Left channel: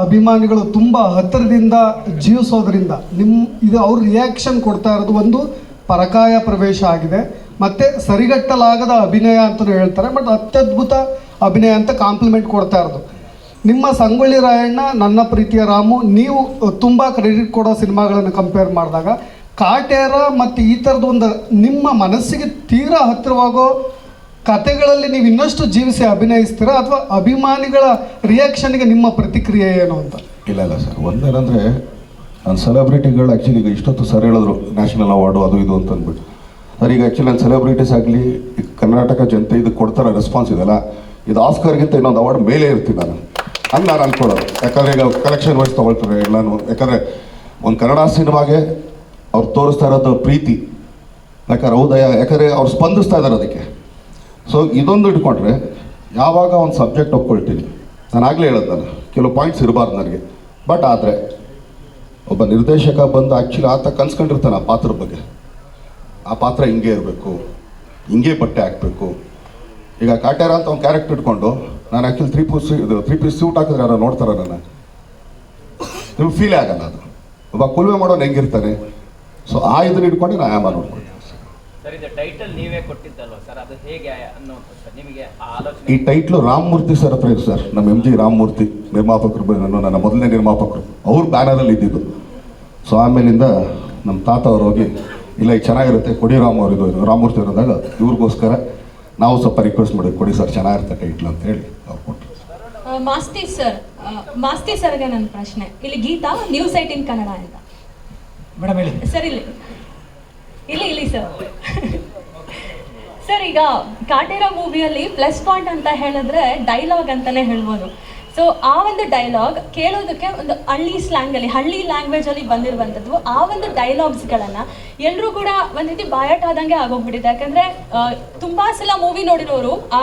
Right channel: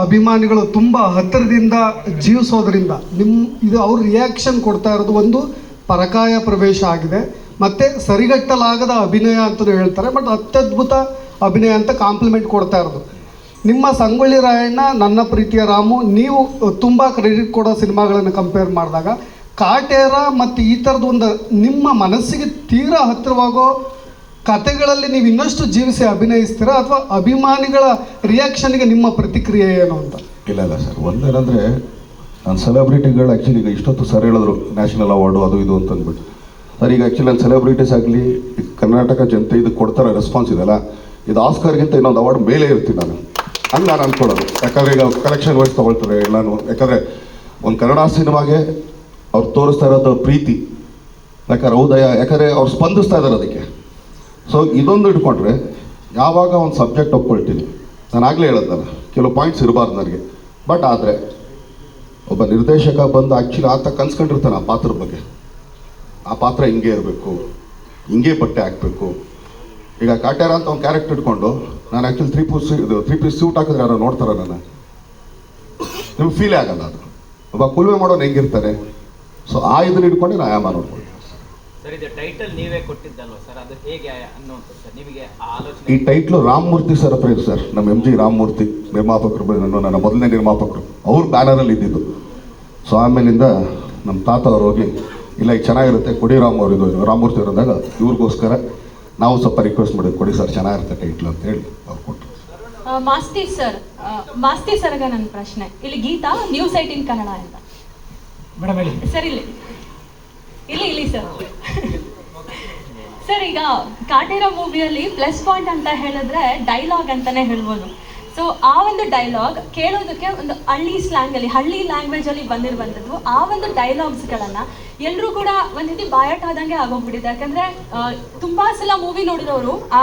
ಅಭಿಮಾನಿಗಳು ತುಂಬ ಹತ್ತಿರದಿಂದ ಜೀವಿಸೋದ್ರಿಂದ ನಿಮ್ಮ ಇದು ಅವ್ರ ರಿಯಾಕ್ಷನ್ ಕೊಡ್ತಾ ಇರೋದು ಒಂದು ಪರಕಾಯ ಪ್ರವೇಶ ಆಗಿದೆ. ಮತ್ತು ಸರಿಗಟ್ಟಲಾಗದ ಅಭಿನಯ ಅಂತಲೂ ಹೇಳ್ತಾರೆ, ಬಟ್ ಅತ್ಯದ್ಭುತ ಅಭಿನಯ ಅಂತ ಕಾಂಪ್ಲಿಮೆಂಟ್ ಕೊಡ್ತಾ ಇರೋದು. ನಿಮ್ಮ ಸಂಗೊಳ್ಳಿ ರಾಯಣ್ಣ, ನನ್ನ ಪ್ರೀತಿಯ ರಾಮು, ನೀವು ತುಂಬ ಕ್ರೆಡಿಟ್ ಕೊಡೋ ಸಿನಿಮಾಗಳನ್ನು ಕಂಪೇರ್ ಮಾಡಿದಾಗ, ಕಾಟೇರ ಮತ್ತು ಈ ಥರದ್ದು ಒಂದು ನಿಮ್ಮ ಮನಸ್ಸಿಗೆ ತೀರಾ ಹತ್ತಿರವಾಗೋ ಕತೆಗಳಲ್ಲಿ ನೀವು ಇನ್ನಷ್ಟು ಜೀವಿಸಿ ಅಭಿನಯಿಸ್ತೀರಾ ಅಥವಾ ಅಭಿಮಾನಿಗಳ ರಿಯಾಕ್ಷನ್ಗೆ ನಿಮ್ಮ ಪ್ರತಿಕ್ರಿಯೆ ಏನು ಅಂತ? ಇಲ್ಲ ಇಲ್ಲ ಸರ್. ಒಂದೇನಂದರೆ ನಾನು ಸೆಲೆಬ್ರಿಟಿಗಳು ಆ್ಯಕ್ಚುಲಿ ಈಗ ಇಷ್ಟೊತ್ತು ಸರ್ ಹೇಳಿದ್ರು ನ್ಯಾಷನಲ್ ಅವಾರ್ಡು ಅದು ಇದು ಅಂತ ಅಂದ್ಬಿಟ್ಟು. ಸರ್, ಈಗ ಆ್ಯಕ್ಚುಲಿ ನಾನು ಸೆಲೆಬ್ರಿಟೀಸ್ ಆಗಲಿ ಕರ್ನಾಟಕ ಜನತೆ ಇದು ಕೊಡ್ತಾರೆ ರೆಸ್ಪಾನ್ಸ್ ಇದೆಲ್ಲ ಇದು ಆಸ್ಕರ್ಗಿಂತ ಇನ್ನೊಂದು ಅವಾರ್ಡ್ ಮೇಲೆ ಇರ್ತೀನಿ ನಾನು. ಹಂಗೆ ನಾನು ಅಂದ್ಕೊಳ್ಳೋದು ಯಾಕಂದರೆ ಈಗ ಕಲೆಕ್ಷನ್ ವೈಸ್ ತೊಗೊಳ್ತಾರೆ ಎಲ್ಲನೂ. ಯಾಕಂದರೆ, ಒಂದು ಕನ್ನಡ ಸಿನಿಮಾಗೆ ಅವ್ರು ತೋರಿಸ್ತಾ ಇರೋದು ಪ್ರೀತಿ. ಯಾಕಂದ್ರೆ ಹೌದಯ ಯಾಕಂದರೆ ಅವ್ರು ಸ್ಪಂದಿಸ್ತಾ ಇದ್ದಾರೆ ಅದಕ್ಕೆ. ಸೊ ಇದೊಂದು ಇಟ್ಕೊಂಡ್ರೆ ಯಾವಾಗ ಒಂದು ಸಬ್ಜೆಕ್ಟ್ ಒಪ್ಕೊಳ್ತೀನಿ. ನಾನು ಆಗಲೇ ಹೇಳೋದು ಕೆಲವು ಪಾಯಿಂಟ್ಸ್ ಇರಬಾರ್ದು ನನಗೆ. ಬಟ್ ಆದರೆ, ಒಬ್ಬ ನಿರ್ದೇಶಕ ಬಂದು ಆ್ಯಕ್ಚುಲಿ ಆತ ಕನ್ಸ್ಕೊಂಡಿರ್ತಾನೆ ಆ ಪಾತ್ರದ ಬಗ್ಗೆ. ಆ ಪಾತ್ರ ಹಿಂಗೆ ಇರಬೇಕು, ಹಿಂಗೆ ಬಟ್ಟೆ ಹಾಕಬೇಕು. ಈಗ ಕಾಟೇರ ಅಂತ ಒಂದು ಕ್ಯಾರೆಕ್ಟರ್ ಇಟ್ಕೊಂಡು, ನಾನು ಆ್ಯಕ್ಚುಲಿ ತ್ರೀ ಪೀಸ್ ಇದು ತ್ರೀ ಪೀಸ್ ಸೂಟ್ ಹಾಕಿದ್ರೆ ನಾನು ನೋಡ್ತಾರೆ ನಾನು ನಿಮ್ಗೆ ಫೀಲೇ ಆಗಲ್ಲ ಅದು. ಒಬ್ಬ ಕುಲುಮೆ ಮಾಡೋನು ಹೆಂಗಿರ್ತಾನೆ? ಸೊ ಆ ಇದನ್ನ ಇಟ್ಕೊಂಡು ನಾನು ಆಯಾಮ ನೋಡ್ಕೊಳ್ತೀನಿ. ಸರ್ ಇದು ಟೈಟಲ್ ನೀವೇ ಕೊಟ್ಟಿದ್ದಲ್ವಾ ಸರ್ ಅದು ಹೇಗೆ ಅನ್ನುವಂಥದ್ದು ಸರ್ ನಿಮಗೆ ಆ ಈ ಟೈಟ್ಲು ರಾಮಮೂರ್ತಿ ಸರ್ ಹತ್ರ ಇದೆ ಸರ್ ನಮ್ಮ ಎಂ ಜಿ ರಾಮಮೂರ್ತಿ ನಿರ್ಮಾಪಕರು ನನ್ನ ನಾನು ನನ್ನ ಮೊದಲನೇ ನಿರ್ಮಾಪಕರು. ಅವ್ರ ಬ್ಯಾನರಲ್ಲಿ ಇದ್ದಿದ್ದು. ಸೊ ಆಮೇಲಿಂದ ನಮ್ಮ ತಾತ ಅವ್ರು ಹೋಗಿ ಇಲ್ಲ ಈಗ ಚೆನ್ನಾಗಿರುತ್ತೆ ಕೊಡಿ ರಾಮ್ ಅವರು ಇದು ರಾಮಮೂರ್ತಿ ಅವರು ಅಂದಾಗ ಇವ್ರಿಗೋಸ್ಕರ ನಾವು ಸ್ವಲ್ಪ ರಿಕ್ವೆಸ್ಟ್ ಮಾಡಿದ್ವಿ ಕೊಡಿ ಸರ್ ಚೆನ್ನಾಗಿರುತ್ತೆ ಟೈಟ್ಲು ಅಂತ ಹೇಳಿ ಅವ್ರು ಕೊಟ್ಟರು ಮಾಸ್ತಿ ಸರ್ ಮಾಸ್ತಿ ಸರ್ಗೆ ನನ್ನ ಪ್ರಶ್ನೆ. ಇಲ್ಲಿ ಗೀತಾ ನ್ಯೂಸ್ ಏಟಿನ್ ಕನ್ನಡ ಅಂತ. ಮೇಡಮ್ ಹೇಳಿ. ಸರ್ ಇಲ್ಲಿ. ಇಲ್ಲಿ ಇಲ್ಲಿ ಸರ್ ಸರ್, ಈಗ ಕಾಟಿರೋ ಮೂವಿಯಲ್ಲಿ ಪ್ಲಸ್ ಪಾಯಿಂಟ್ ಅಂತ ಹೇಳಿದ್ರೆ ಡೈಲಾಗ್ ಅಂತಾನೆ ಹೇಳ್ಬೋದು. ಸೊ ಆ ಒಂದು ಡೈಲಾಗ್ ಕೇಳೋದಕ್ಕೆ ಒಂದು ಹಳ್ಳಿ ಸ್ಲ್ಯಾಂಗಲ್ಲಿ ಹಳ್ಳಿ ಲ್ಯಾಂಗ್ವೇಜ್ ಅಲ್ಲಿ ಬಂದಿರುವಂಥದ್ದು, ಆ ಒಂದು ಡೈಲಾಗ್ಸ್ಗಳನ್ನು ಎಲ್ಲರೂ ಕೂಡ ಒಂದ್ ರೀತಿ ಬಾಯಾಟ ಆದಂಗೆ ಆಗೋಗ್ಬಿಟ್ಟಿದೆ. ಯಾಕಂದ್ರೆ ತುಂಬಾ ಸಲ ಮೂವಿ ನೋಡಿರೋರು